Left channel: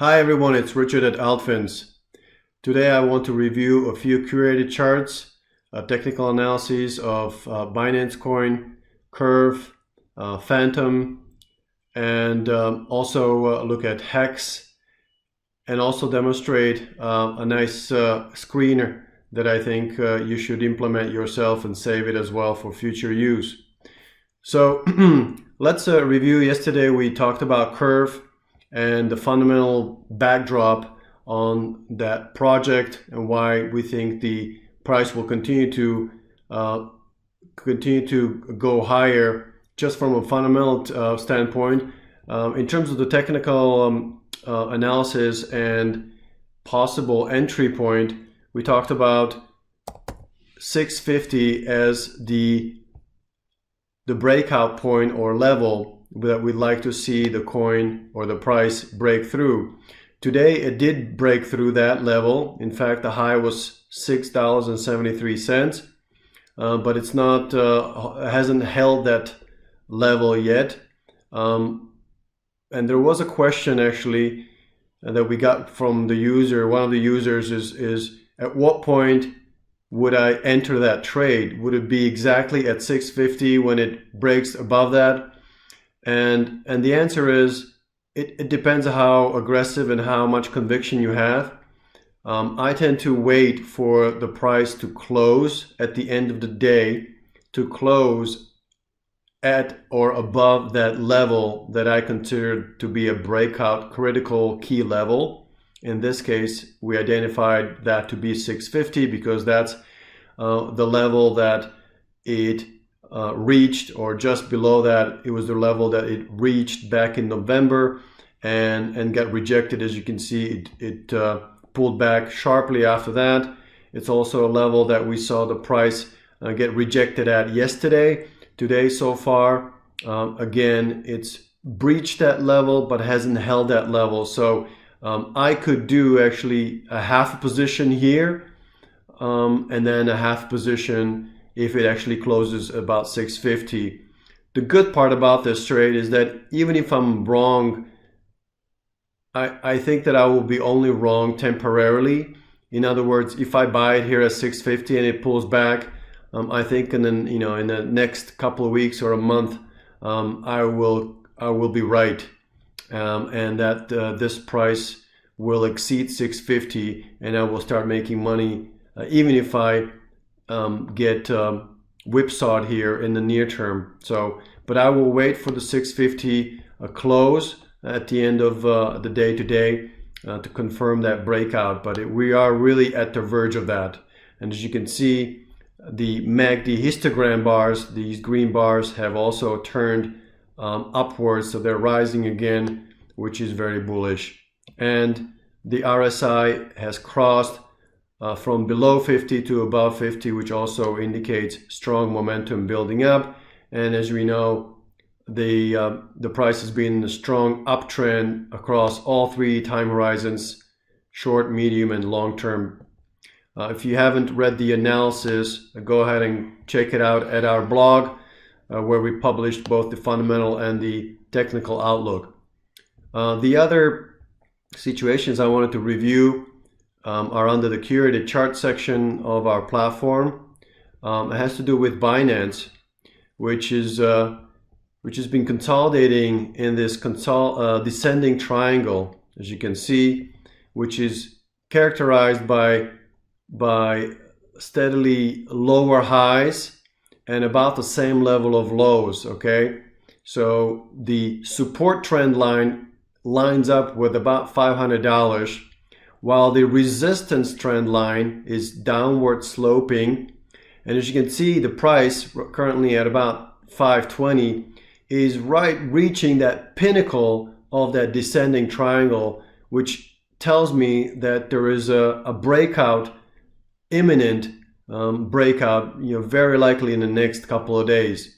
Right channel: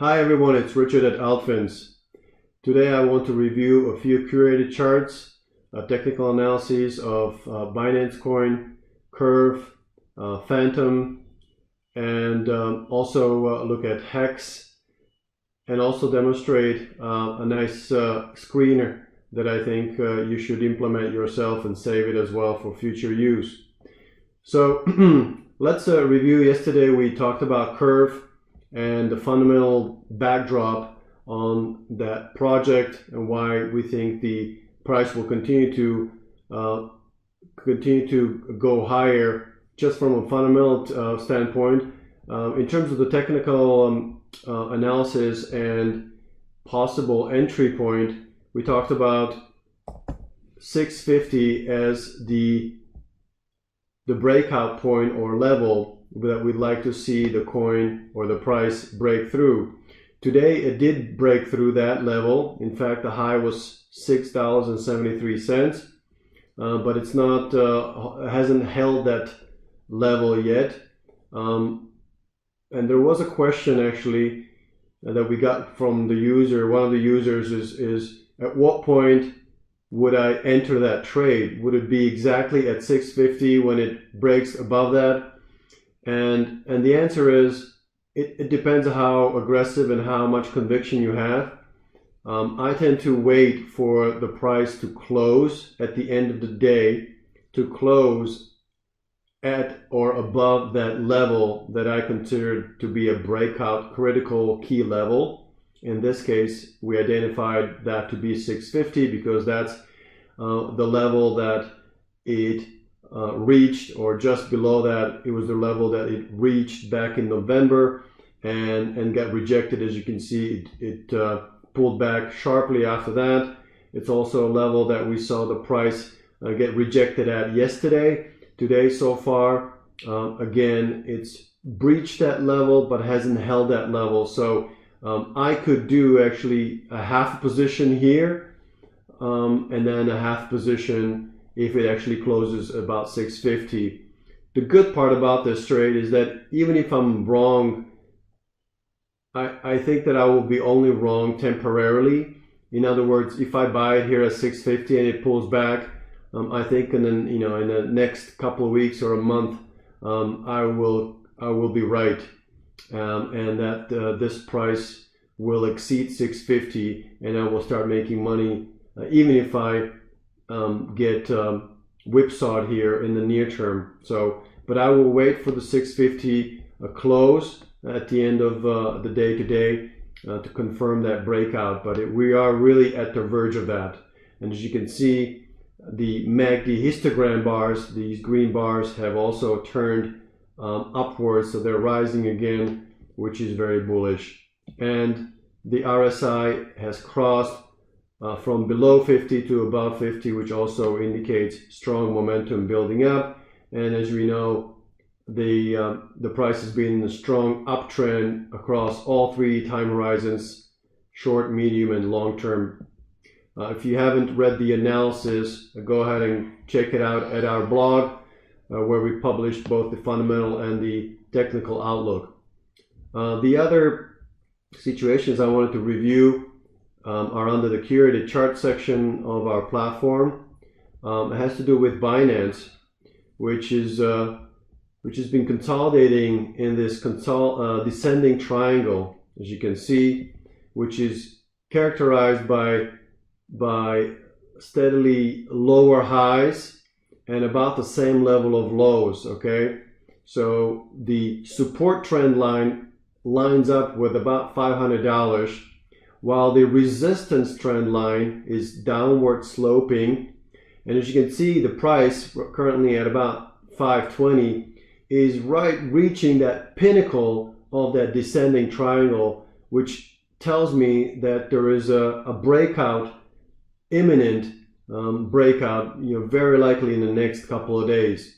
Hi everyone, it's Richard at altFINS. Today I want to review a few curated charts, technical analyses of Binance coin, CRV, Phantom, and also look at HEX, and also demonstrate a nice screener that I think you should implement yourself and save it as well for future use. So let's review. Yesterday we talked about CRV and the fundamental backdrop on that project and why we think the price will continue to go higher just from a fundamental standpoint. In terms of the technical analysis and possible entry point, we talked about 650 as the breakout point or level that we'd like to see the coin or the price break through. Today it did break through that level. In fact, the high was $6.73, but it's not hasn't held that level yet. And there was a question actually that we got from the user. One of the users is at what point would I enter that trade? Would it be exactly at 650 when it breaks above that? And the answer is it depends on how aggressive and how much conviction you have. I tend to wait for the price to close at the end of the day, to close at or above that level that I consider to be a breakout critical key level. In this case, we identified that to be 650 because that's the level that it reached, or just below that, it was the level that it reached back in November and got rejected. As you can see, it pulled back sharply after that. It's also a level that we saw the price get rejected at yesterday. Today so far, again, it's breached that level but hasn't held that level. So I could do actually a half position here and then a half position if it actually closes about 650. The good part about this trade is that even if I'm wrong, I think that I will be only wrong temporarily. In other words, if I buy it here at 650 and it pulls back, I think in the next couple of weeks or a month, I will be right, and that this price will exceed 650, and I will start making money, even if I get whipsawed here in the near term. So, but I will wait for the 650 close at the end of the day today to confirm that breakout. But we are really at the verge of that. And as you can see, the MACD histogram bars, these green bars, have also turned upwards, so they're rising again, which is very bullish. And the RSI has crossed from below 50 to above 50, which also indicates strong momentum building up. And as we know, the price has been in a strong uptrend across all three time horizons: short, medium, and long term. If you haven't read the analysis, go ahead and check it out at our blog, where we published both the fundamental and the technical outlook. The other situations I wanted to review are under the curated chart section of our platform. It has to do with Binance, which has been consolidating in this descending triangle, as you can see, which is characterized by steadily lower highs and about the same level of lows. Okay, so the support trend line lines up with about $500, while the resistance trend line is downward sloping. And as you can see, the price currently at about 520 is right reaching that pinnacle of that descending triangle, which tells me that there is a breakout, imminent breakout, very likely in the next couple of days.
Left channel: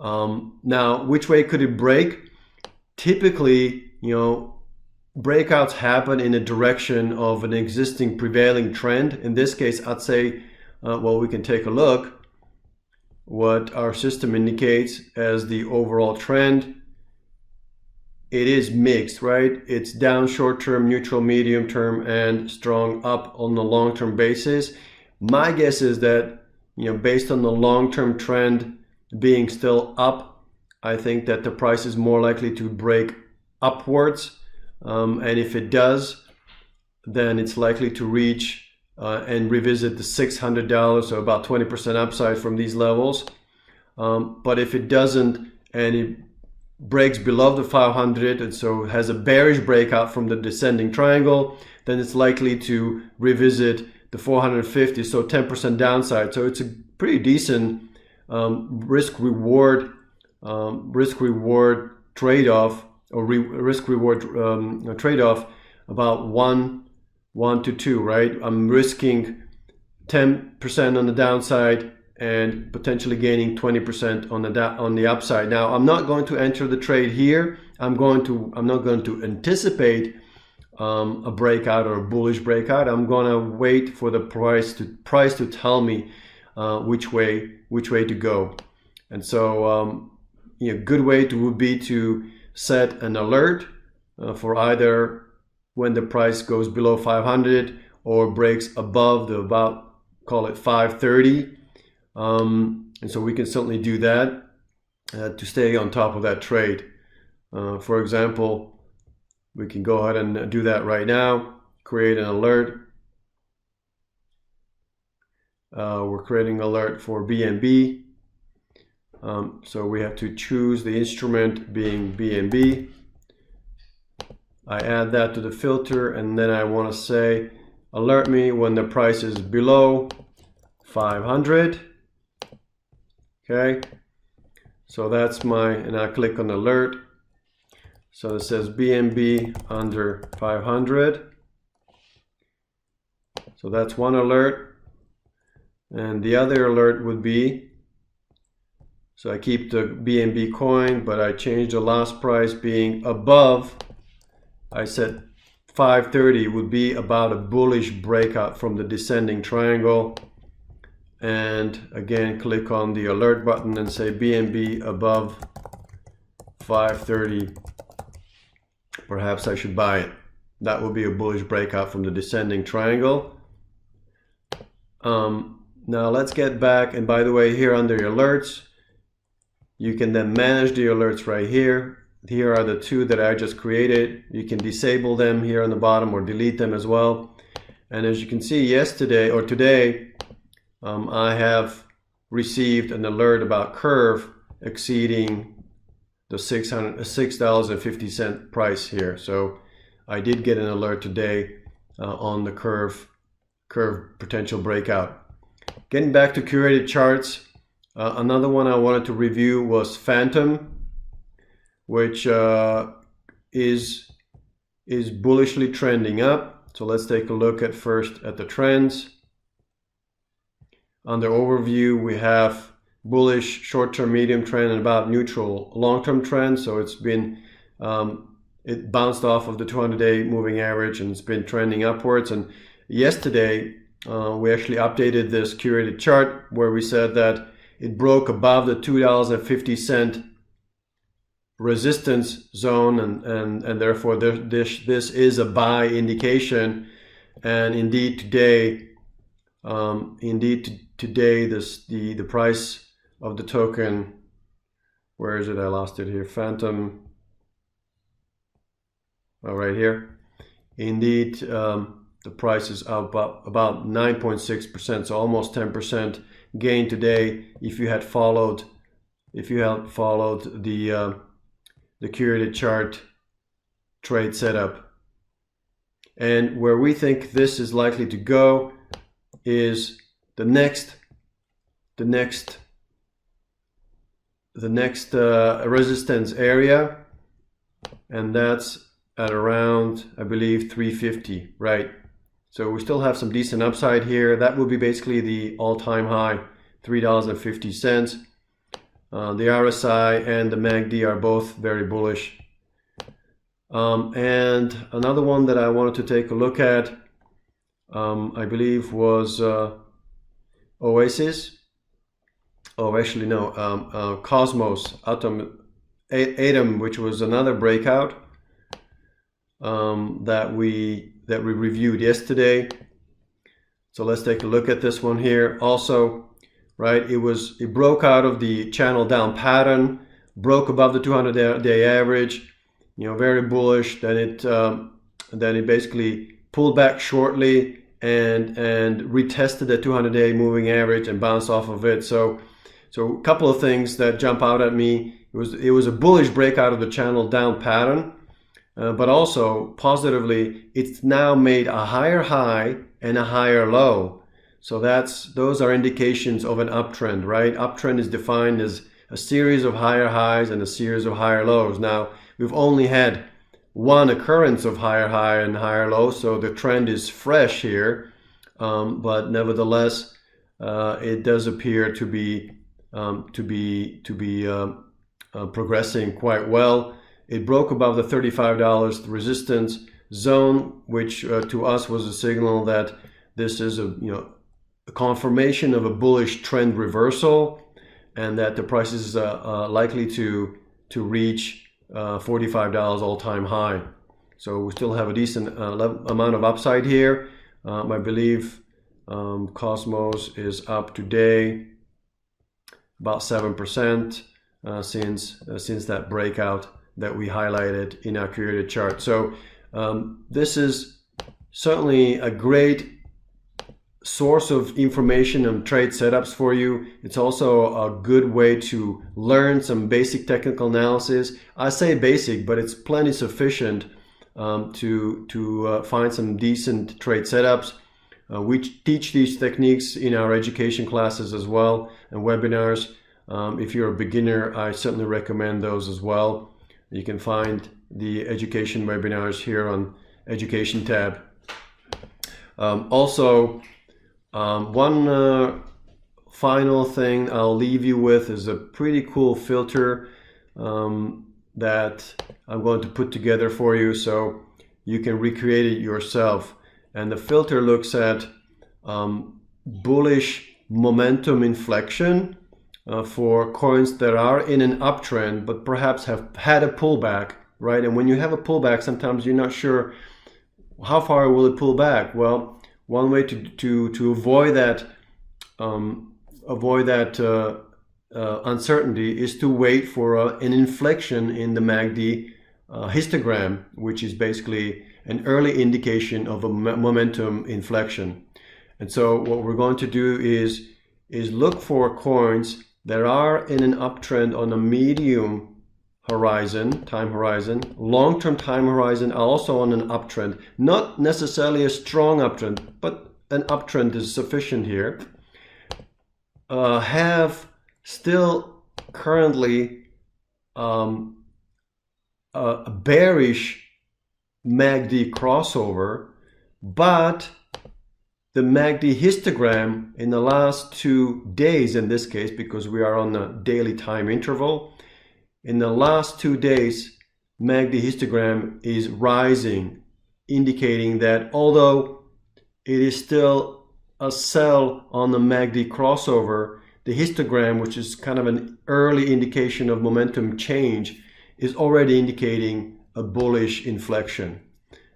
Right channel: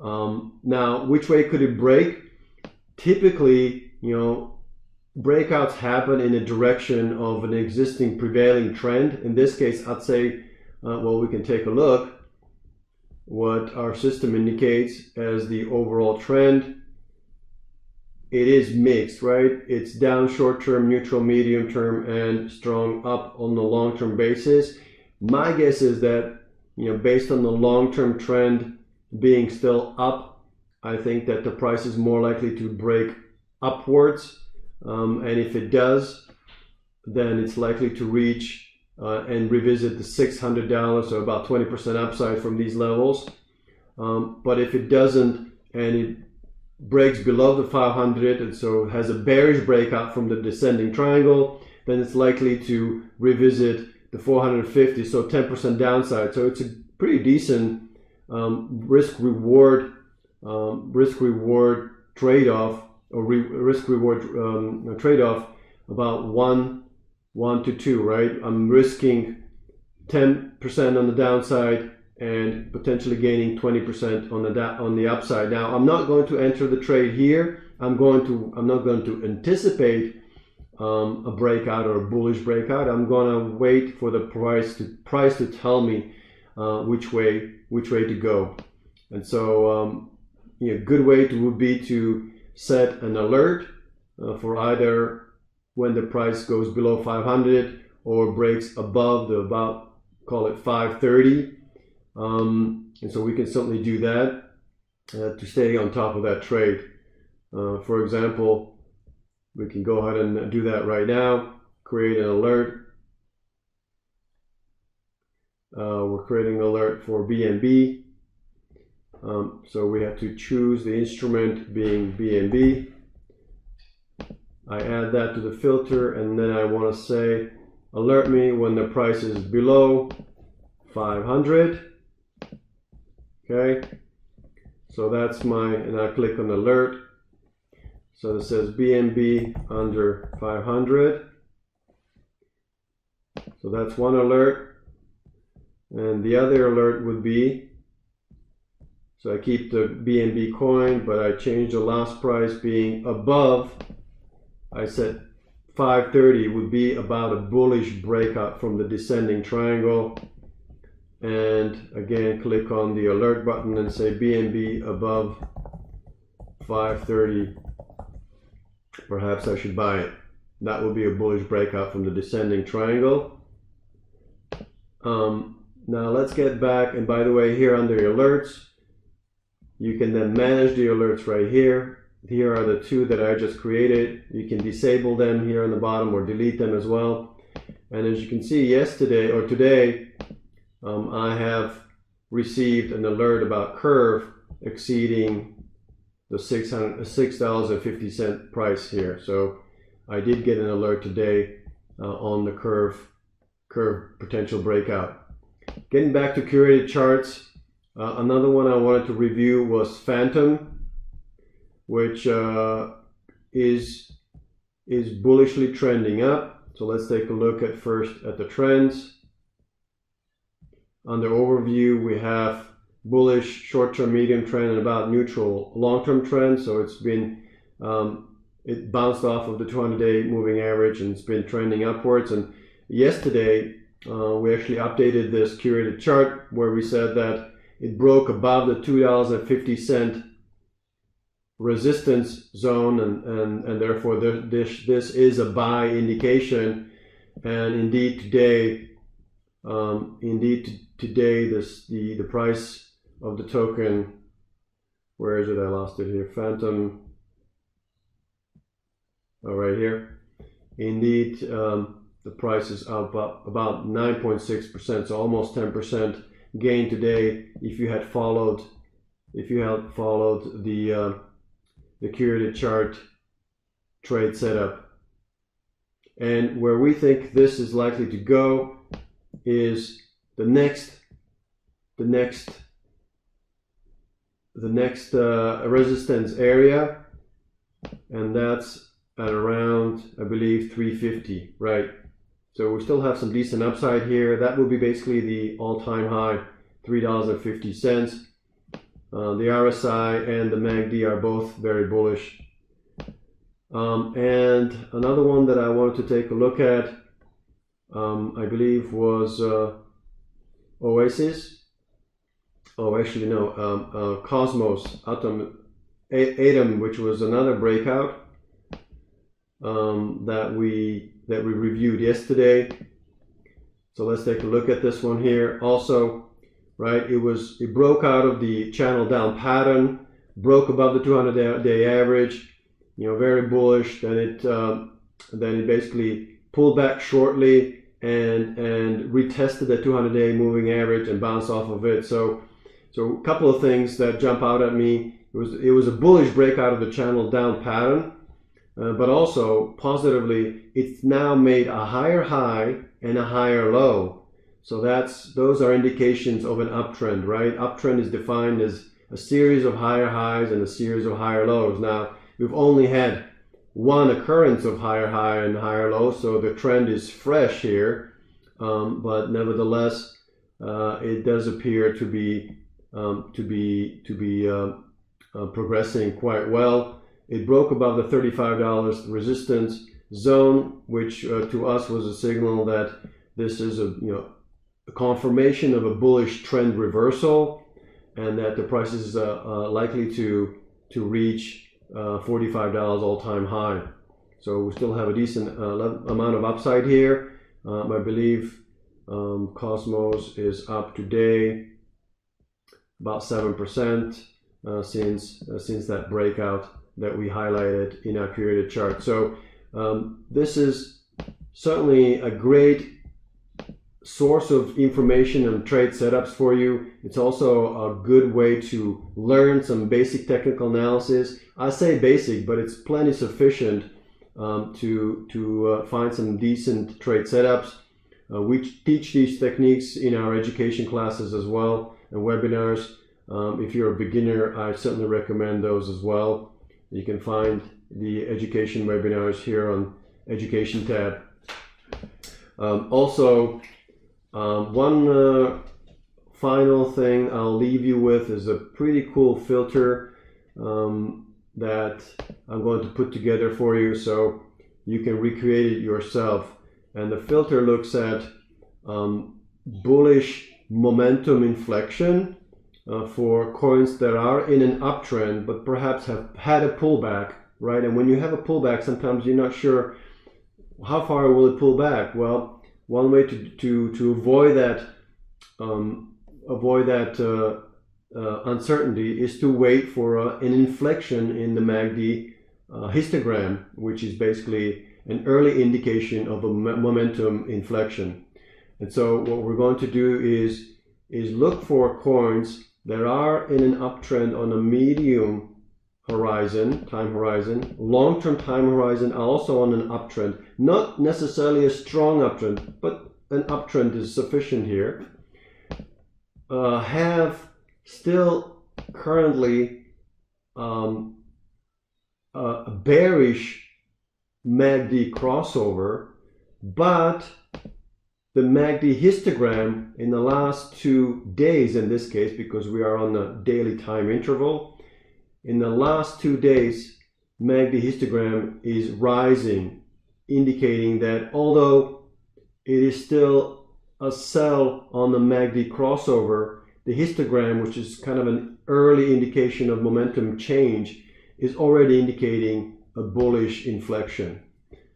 Now, which way could it break? Typically, breakouts happen in the direction of an existing prevailing trend. In this case, I'd say, well, we can take a look what our system indicates as the overall trend. it is mixed, right? It's down short term, neutral, medium term, and strong up on the long term basis. My guess is that, based on the long term trend being still up, I think that the price is more likely to break upwards. And if it does, then it's likely to reach and revisit the $600, so about 20% upside from these levels. But if it doesn't and it breaks below the 500 and so has a bearish breakout from the descending triangle, then it's likely to revisit the 450, so 10% downside. So it's a pretty decent risk-reward trade-off, or risk-reward trade-off, about 1 to 2, right? I'm risking 10% on the downside and potentially gaining 20% on the upside. Now, I'm not going to enter the trade here. I'm not going to anticipate a breakout or a bullish breakout. I'm going to wait for the price to tell me which way to go. And so, good way would be to set an alert for either when the price goes below 500 or breaks above the call it 530. And so we can certainly do that to stay on top of that trade. For example, we can go ahead and do that right now. Create an alert. We're creating an alert for BNB. So we have to choose the instrument being BNB. I add that to the filter, and then I want to say alert me when the price is below 500. Okay, so that's and I click on alert. So it says BNB under 500. So that's one alert. And the other alert would be, so I keep the BNB coin, but I change the last price being above. I said 530 would be about a bullish breakout from the descending triangle. And again, click on the alert button and say BNB above 530. Perhaps I should buy it. That will be a bullish breakout from the descending triangle. Now let's get back. And by the way, here under your alerts, you can then manage the alerts right here. Here are the two that I just created. You can disable them here on the bottom or delete them as well. And as you can see, yesterday or today, I have received an alert about curve exceeding the $6.50 price here. So I did get an alert today on the curve potential breakout. Getting back to curated charts, another one I wanted to review was Phantom, which is bullishly trending up. So let's take a look at first at the trends. Under overview, we have bullish short-term medium trend and about neutral long-term trend. So it's been it bounced off of the 200-day moving average and it's been trending upwards. And yesterday we actually updated this curated chart where we said that it broke above the $2.50 resistance zone, and therefore this is a buy indication. And indeed today the price of the token, where is it? I lost it here. Phantom. Oh, right here. Indeed, the price is up about 9.6%, so almost 10% gain today. If you had followed the curated chart trade setup. And where we think this is likely to go is the next resistance area, and that's at around, I believe, 350, right? So we still have some decent upside here. That will be basically the all-time high, $3.50. The RSI and the MACD are both very bullish. And another one that I wanted to take a look at, I believe was Oasis. Oh, actually no, Cosmos, ATOM, which was another breakout. that we reviewed yesterday. So let's take a look at this one here. Also, right, it broke out of the channel down pattern, broke above the 200-day average, very bullish. Then it basically pulled back shortly and retested the 200-day moving average and bounced off of it. So a couple of things that jump out at me. It was a bullish breakout of the channel down pattern, but also positively, it's now made a higher high and a higher low. So those are indications of an uptrend, right? Uptrend is defined as a series of higher highs and a series of higher lows. Now, we've only had one occurrence of higher high and higher low, so the trend is fresh here, but nevertheless, it does appear to be progressing quite well. It broke above the $35 resistance zone, which to us was a signal that this is a confirmation of a bullish trend reversal, and that the price is likely to reach $45 all-time high. So we still have a decent amount of upside here. I believe Cosmos is up today about 7% since that breakout that we highlighted in our created chart. So this is certainly a great source of information and trade setups for you. It's also a good way to learn some basic technical analysis. I say basic, but it's plenty sufficient to find some decent trade setups. We teach these techniques in our education classes as well and webinars. If you're a beginner, I certainly recommend those as well. You can find the education webinars here on Education tab. Also, one final thing I'll leave you with is a pretty cool filter that I'm going to put together for you so you can recreate it yourself. And the filter looks at bullish momentum inflection for coins that are in an uptrend but perhaps have had a pullback, right? And when you have a pullback, sometimes you're not sure how far will it pull back. Well, one way to avoid that uncertainty is to wait for an inflection in the MACD histogram, which is basically an early indication of a momentum inflection. And so what we're going to do is look for coins that are in an uptrend on a medium time horizon, long-term time horizon, also on an uptrend. Not necessarily a strong uptrend, but an uptrend is sufficient here. Have still currently a bearish MACD crossover, but the MACD histogram in the last 2 days, in this case, because we are on a daily time interval, in the last 2 days, MACD histogram is rising, indicating that although it is still a sell on the MACD crossover, the histogram, which is kind of an early indication of momentum change, is already indicating a bullish inflection.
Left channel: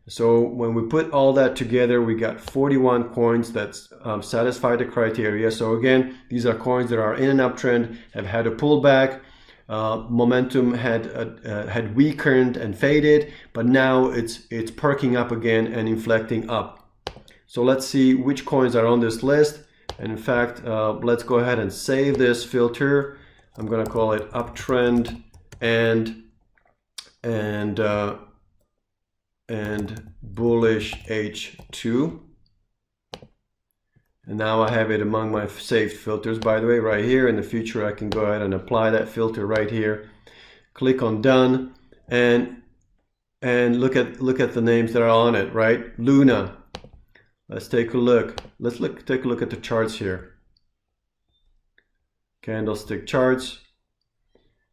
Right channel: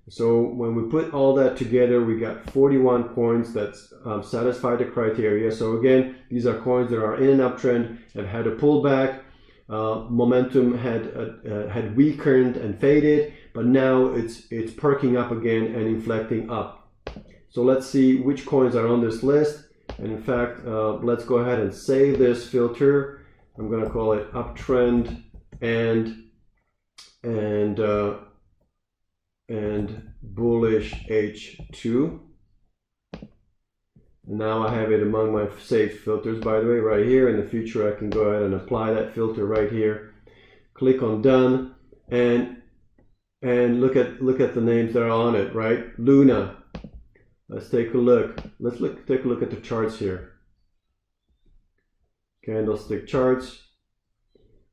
So when we put all that together, we got 41 coins that satisfy the criteria. So again, these are coins that are in an uptrend, have had a pullback, momentum had weakened and faded, but now it's perking up again and inflecting up. So let's see which coins are on this list. And in fact, let's go ahead and save this filter. I'm going to call it uptrend and bullish H2. And now I have it among my saved filters, by the way, right here. In the future, I can go ahead and apply that filter right here. Click on done and look at the names that are on it, right? Luna. Let's take a look. Take a look at the charts here. Candlestick charts.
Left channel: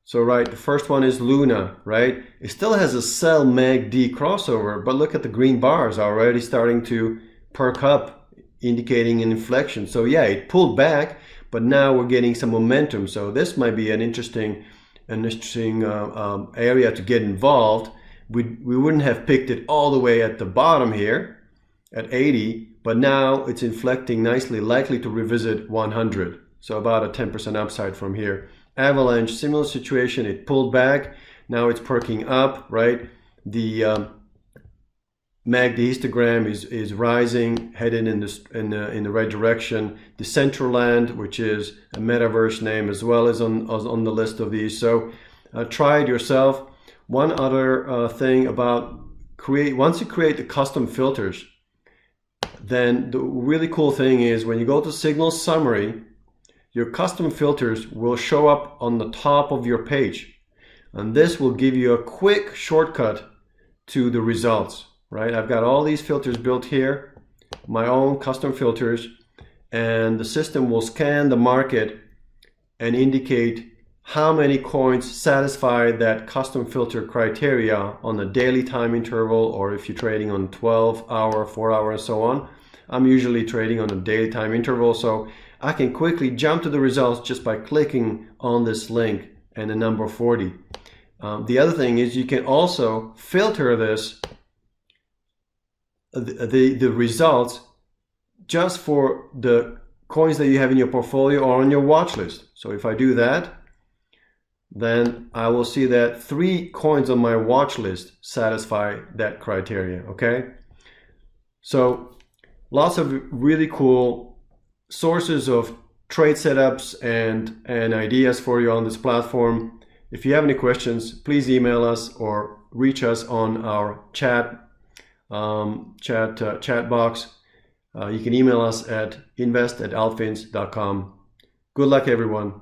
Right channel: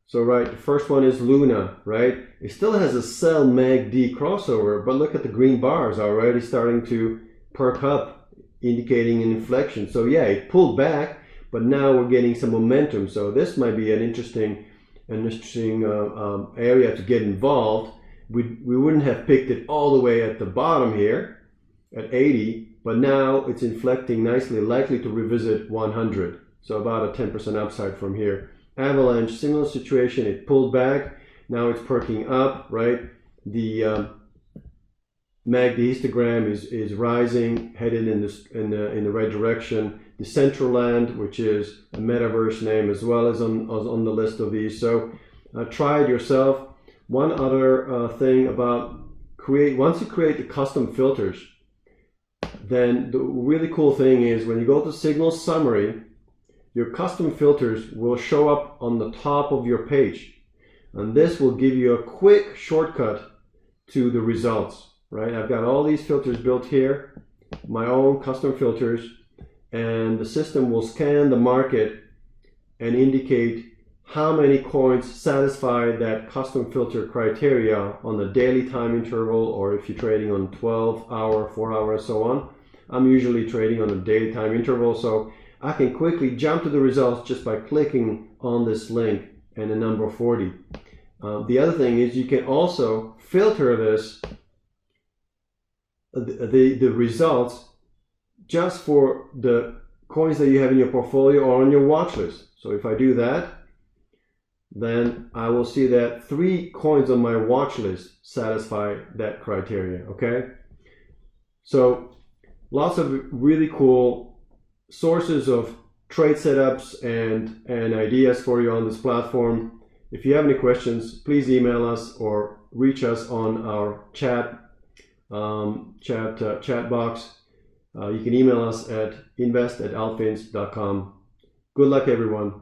So right, the first one is Luna, right? It still has a sell MACD crossover, but look at the green bars already starting to perk up, indicating an inflection. So yeah, it pulled back, but now we're getting some momentum. So this might be an interesting area to get involved. we wouldn't have picked it all the way at the bottom here at 80, but now it's inflecting nicely, likely to revisit 100. So about a 10% upside from here. Avalanche, similar situation, it pulled back, now it's perking up, right? The MACD histogram is rising, headed in the right direction. Decentraland, which is a metaverse name as well, is on the list of these. So try it yourself. One other thing about once you create the custom filters, then the really cool thing is when you go to signal summary, your custom filters will show up on the top of your page. And this will give you a quick shortcut to the results, right? I've got all these filters built here, my own custom filters, and the system will scan the market and indicate how many coins satisfy that custom filter criteria on the daily time interval, or if you're trading on 12-hour, 4-hour, and so on. I'm usually trading on a daily time interval, so I can quickly jump to the results just by clicking on this link and the number 40. The other thing is you can also filter this, the results, just for the coins that you have in your portfolio or on your watch list. So if I do that, then I will see that 3 coins on my watch list satisfy that criteria, okay? So lots of really cool sources of trade setups and ideas for you on this platform. If you have any questions, please email us or reach us on our chat box. You can email us at invest@altfins.com. Good luck, everyone.